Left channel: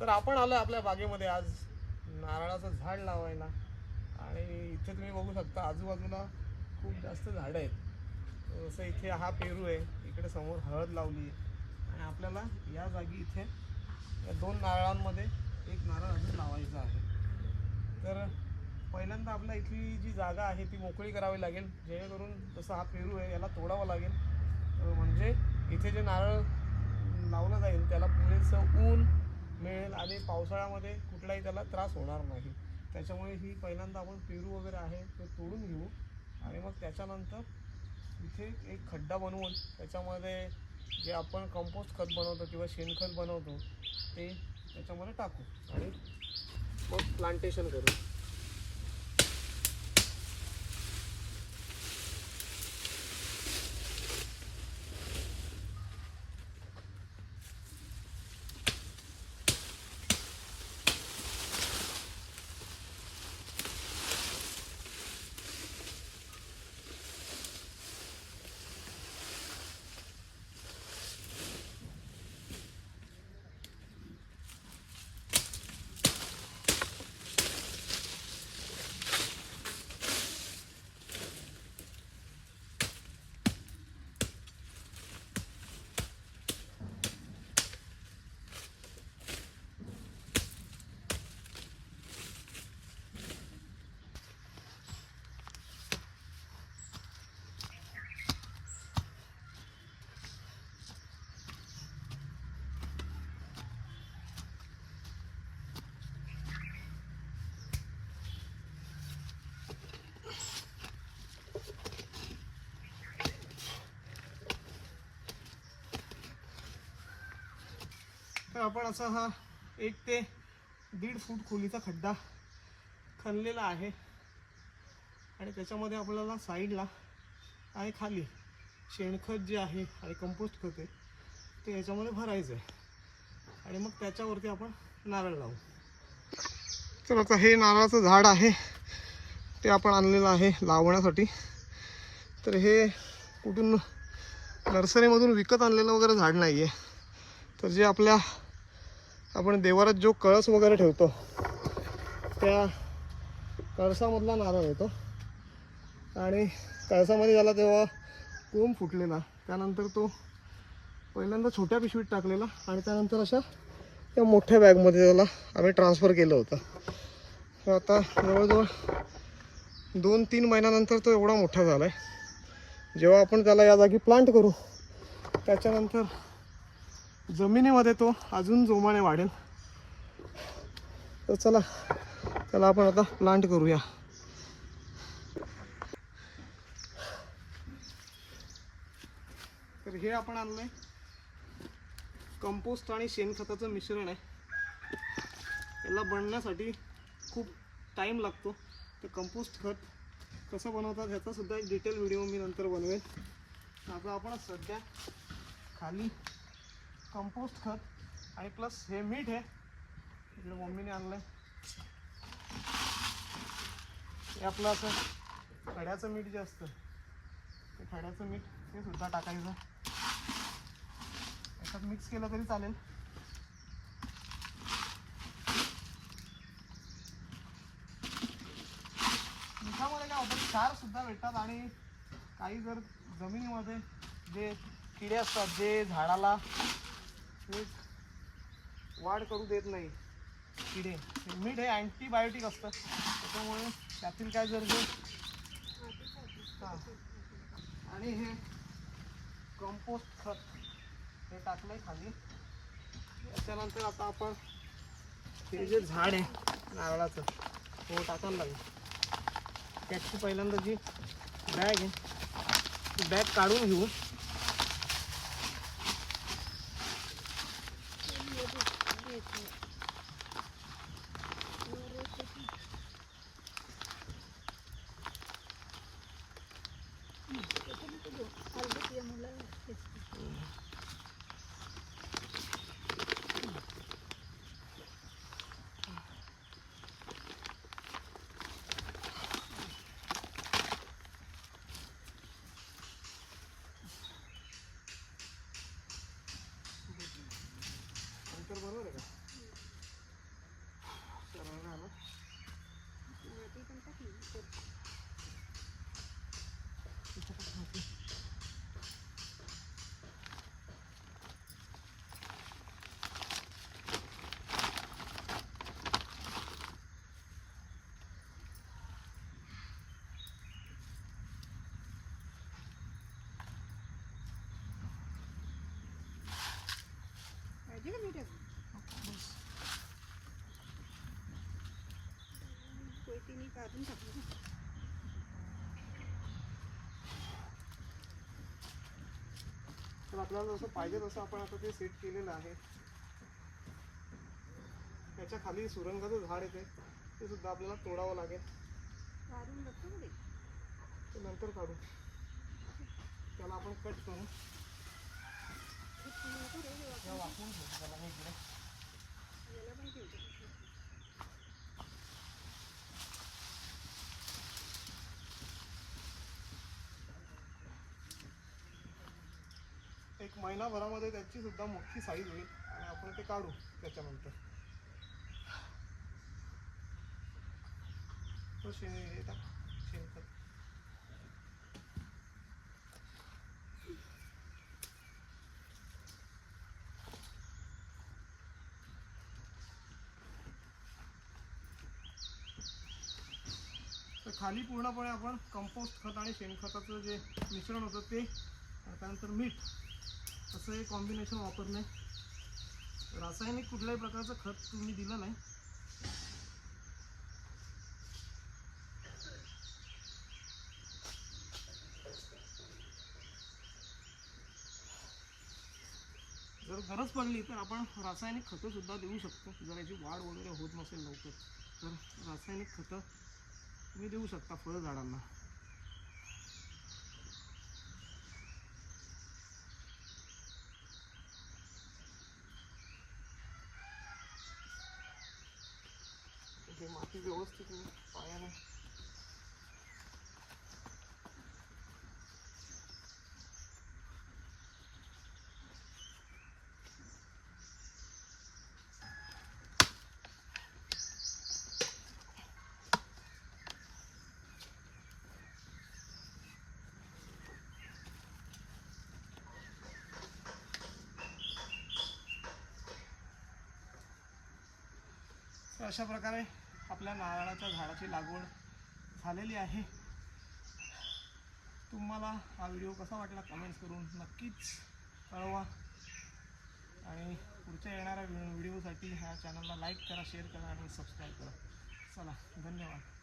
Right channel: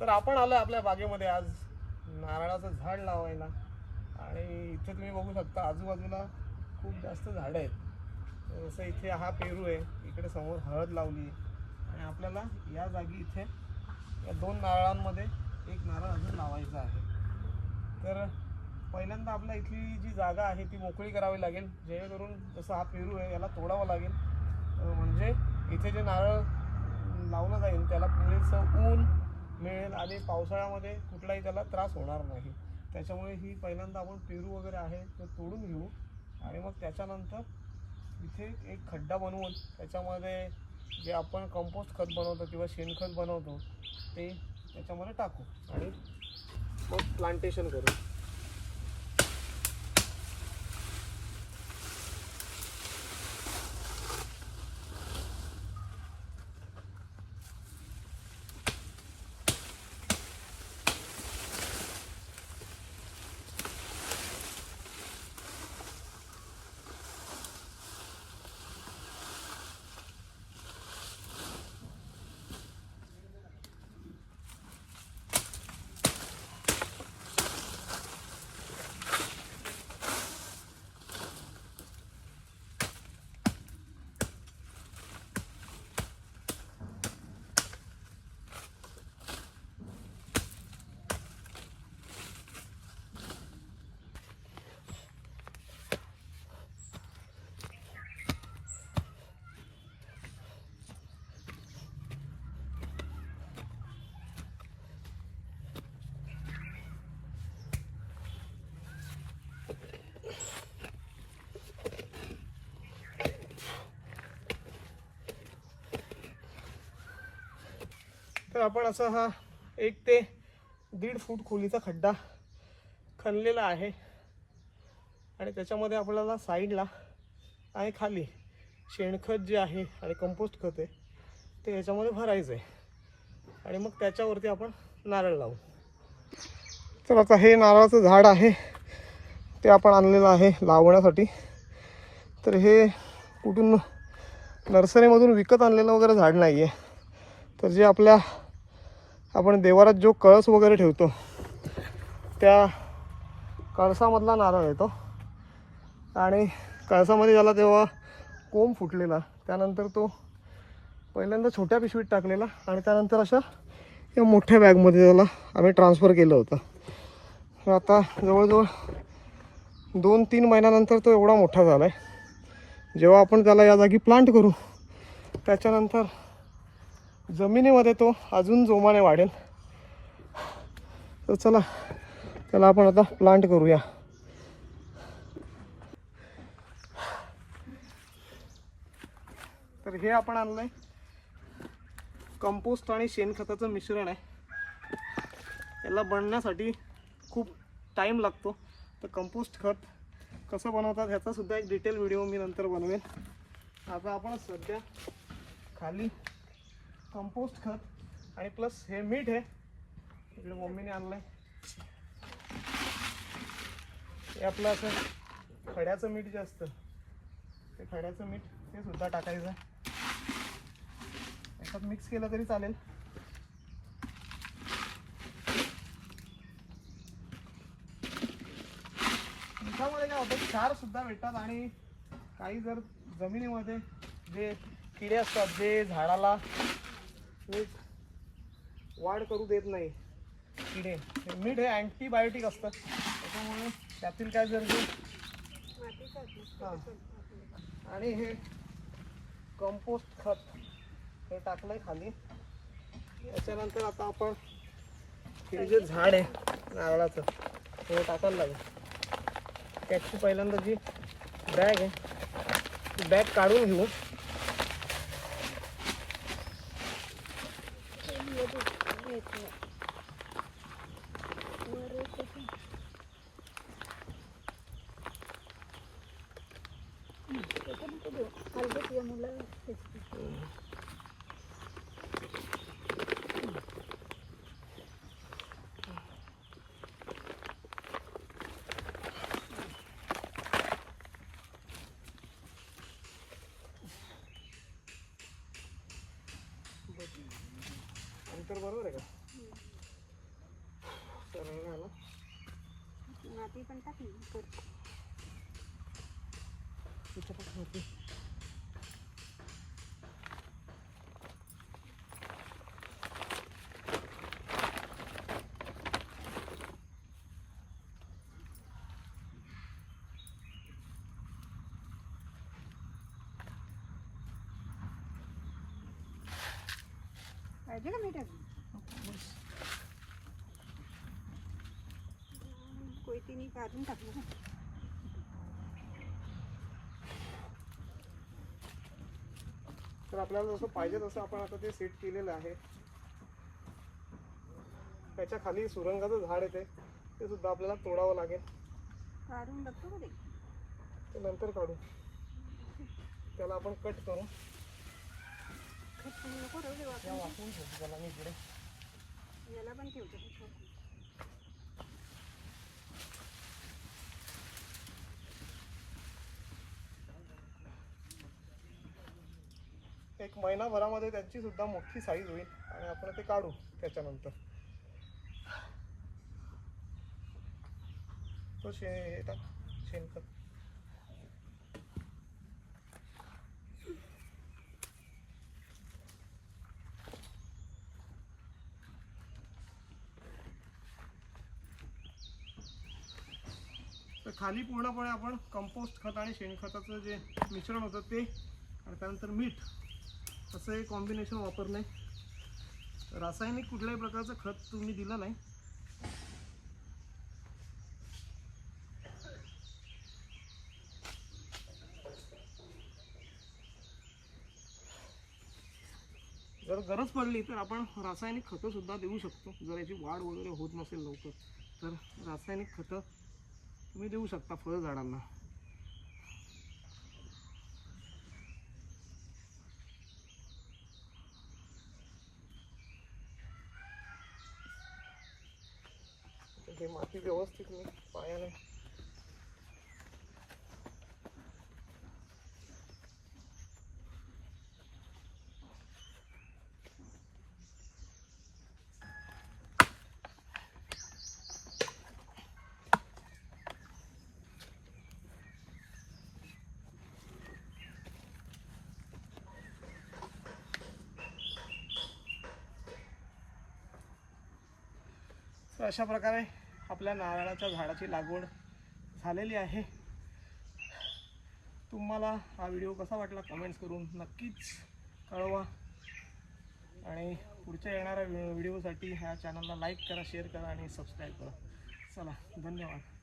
तर आपण आलो आपल्या बागेमध्ये आज नारळाचं झाड लावायला आणि इथे तुम्ही बघू शकता आजूबाजूला खूप जास्त झाडं आहेत. जसं इथे हा पेरू आहे, इकडे समोर हळद लावली आहे आणि आपल्याला या जागी इथे या 2 नारळांमध्ये एक नारळ अजून लावायचा आहे. तर पहिल्यांदा आपल्या इथली जी जागा आहे ती मोकळी करावी लागेल, जेणेकरून जसं हा पेरू आहे याला तोडावं लागेल, म्हणजे इथे जे नारळ लावलं जाईल त्याला पुरेसं ऊन मिळेल आणि पावसाळ्यामध्ये कुठलाही त्याला त्रास होणार नाही. त्याच्यामुळे ही पहिल्यांदा आपण पेरू वगैरे आहे ते तोडून घेऊ आणि मग त्याच्यानंतर इथे एक खड्डा बनवून त्याच्यामध्ये जे आपण कंपोस्ट खत बनवतो किंवा शेणखत बनवतो ते त्याच्यामध्ये टाकू आणि मग प्लांटेशन करू. तर आपण असा हा 1 ते 1.5 फूट खोलीचा खड्डा खणलेला आहे आणि त्याच्यामध्ये आपल्याला साईडला आणि खाली शेणखत जे आहे आणि कंपोस्ट खत आहे ते याच्यामध्ये भरायचं आहे आणि मग त्याच्यावरती आपण नारळ लावू. तर आता हे नारळाचं झाड आहे ते आपण आणलेलं आहे लावण्यासाठी. तर हे कुठून नर्सरीमधून विकत आणलेलं वगैरे झाड नाही आहे. तर जे आपण देवारात जो कळस वगैरे ठेवतो त्या कळसामधला नारळ येतो आणि कळसामध्ये झाला तेव्हा कोंब फुटलेला, त्यानंतर तो पहिल्यांदा छोट्या पिशवीत टाकलेला आणि त्यानंतर अशा या मोठ्या बॅगमध्ये त्याला आम्ही ट्रान्सफर केलं होतं. तर आता जवळजवळ 2-3 महिन्यानंतर तो एवढा मोठा झाला आहे. जेव्हा आपण त्याला या जागी प्लांट करू त्याच्यानंतर जमिनीमध्ये तो अजून जोमाने वाढेल. तर चला त्याला आपण आता प्लांट करूया. तर हे आपण आणलंय कंपोस्ट आणि शेणखताचं मिश्रण आहे. याला बनण्यासाठी खूप टाईम लागतो. तर कंपोस्ट खत कसं बनवतात ह्याचा सुद्धा एक डिटेल व्हिडिओ मी नंतर बनवेन. आता आपण सध्या खाली कंपोस्ट खत आणि प्लस हे मीठ आहे, इकडे मम्मीने आणलंय. हे आपलं असं खड्याचं मीठ जे असतं ते खड्याचं मीठ ते सुद्धा टाकायचं. याच्यात मिक्स केलं तरी चालेल. मिठामध्ये काय होतं, क्षार सुद्धा भेटतात आणि काही जर जमिनीमध्ये जे किडे असतात जे झाडाला एक वाढ करू देत नाही किडे, मीठ हे अँटीबायोटिक असतं. त्याच्यामुळे त्यातील काय जर आणि हे कंपोस्ट खत हे टाकलंय खाली. त्याच्यानंतर आता आपण हे जे झाड आहे नारळाचं हे टाकायला लागेल. त्याची पहिल्यांदा जी बॅग आहे ती बॅग काढून घेऊ. अंतर बरोबर आहे का? माती पण टाकली त्याच्यात माती. पाहिजे का मीठ कोयतीने काढून टाकलं ना. तर आपल्याला जसं पाहिजे तसं आपण आता ते सेट केलेलं आहे. त्याच्या खाली सुरंगाचं झाड येते, ते सुद्धा आपल्याला तोडावं लागेल. काढून बघतो का ते नंतर काढू. त्याला आपण कट करू. नको या वाचून ठेवतो त्याला मी इकडे. याला पण ठेवतो. एक महिनाभरामध्ये त्याची सुद्धा मोठी साईज होईल आणि आपण ते काढू त्याच्यानंतर. तो शेणखत. तर खाली पूर्णपणे आपण कंपोस्ट खत आणि शेणखताचं जे मिश्रण होतं ते आणि त्यानंतर मीठ असं हे कॉम्बिनेशन वापरलं आहे. रासायनिक कुठल्याही प्रकारचं खत तुम्ही दिलं नाही. जर गरज पडली तर आपण रासायनिक खतं सुद्धा देऊ शकतो. जर याची वाढ वगैरे होत नसेल लवकर तर रासायनिक खतं तुम्ही देऊ शकता फळझाडांना. हे माती व्यवस्थित मी पायाने तर अशा प्रकारे आपल्या नारळाच्या झाडाची लागवड झालेली आहे. तुम्हाला हा व्हिडिओ कसा वाटला कमेंट्स करून नक्कीच कळवा आणि पुढच्या येणाऱ्या व्हिडिओसाठी ह्या चॅनलला लाईक करा, शेअर करा आणि सबस्क्राईब करा. चला, धन्यवाद.